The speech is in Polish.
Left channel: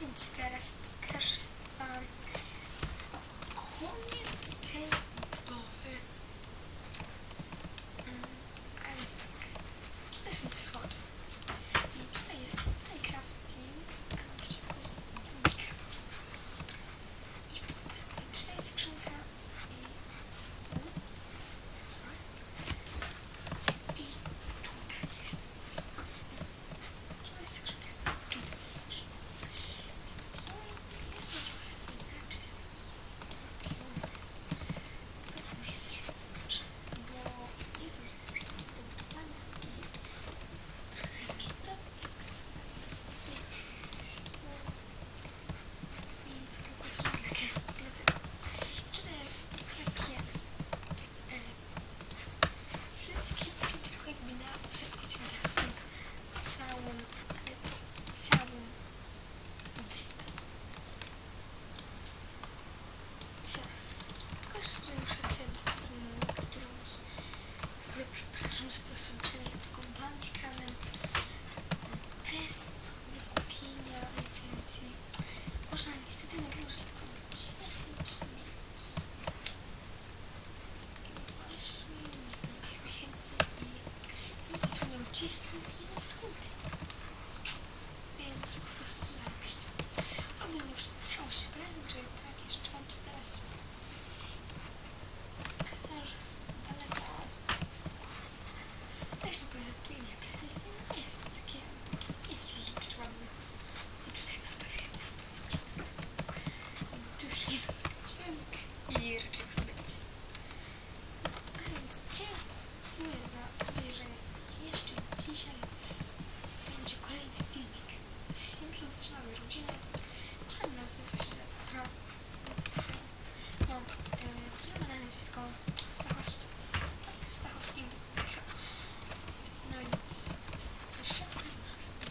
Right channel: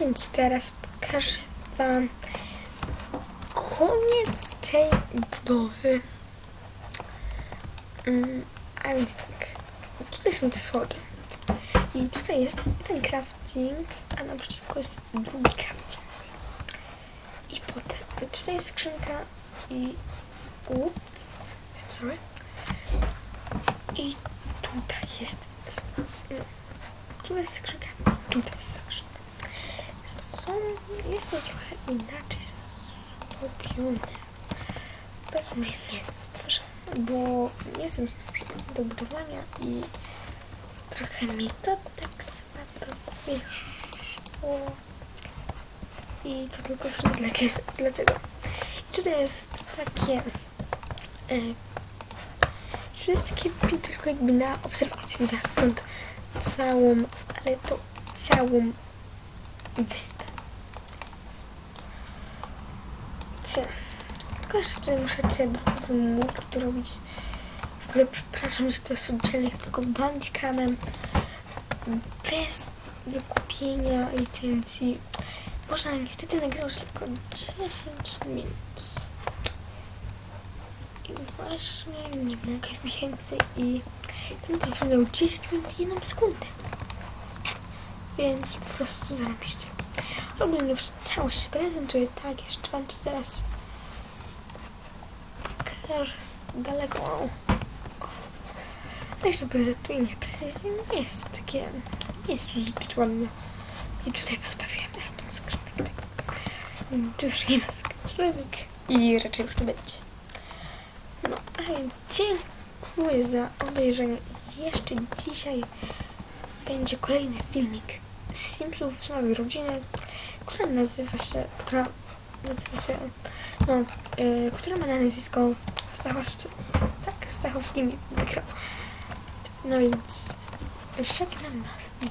więc teraz pokażę Wam koniec tej budowy. Mm, a więc tak, tutaj są te schody. I tutaj jest jeden crafting, a naprzeciwko jest drugi crafting. I potem tutaj jest skrzynka i... Ups, sorry. I tutaj jest... No, tu jest skrzynka, tutaj jest jest to trochę inaczej zrobione. Pewnie nie jestem stworzony, bo nie jestem stworzony do budowania i trochę mi to tak słabo wyszło. I to tylko w sumie dla dlaczego. I tutaj jest takie... E, takie tylko jakby na obserwacji. Widać stąd całą, ale to całą wyspę. Jeszcze tutaj muszę te dorobić. W ogóle przepraszam, że to jest oddzielnie tylko bandicamem. Bez wykupienia licencji. Można niestety nagrać tylko 10 minut. I właśnie nie mogę więcej i będę miał 10 minut i 1 sekundę. Więc po prostu zarobiście. Ogólnie już całość się prezentuje tak, jeszcze wam to zaraz pokażę z daleko. Tak się prezentuje, nie prezentuje, nie jest takie, nie jest tu zbyt ładnie. I tutaj pozbawiłem ten skrzynek. Tu już nie ma skrzynek i raczej już nie będzie. No, a więc dziękuję za obejrzenie. Jeszcze dzisiaj będzie kolejny filmik z Simsów z mojej rodziny, która nazywa się, która nazywa się, no, y, która ma na nazwisko Stachowski. Tak, Stachowski wygrał. No więc żegnam nas i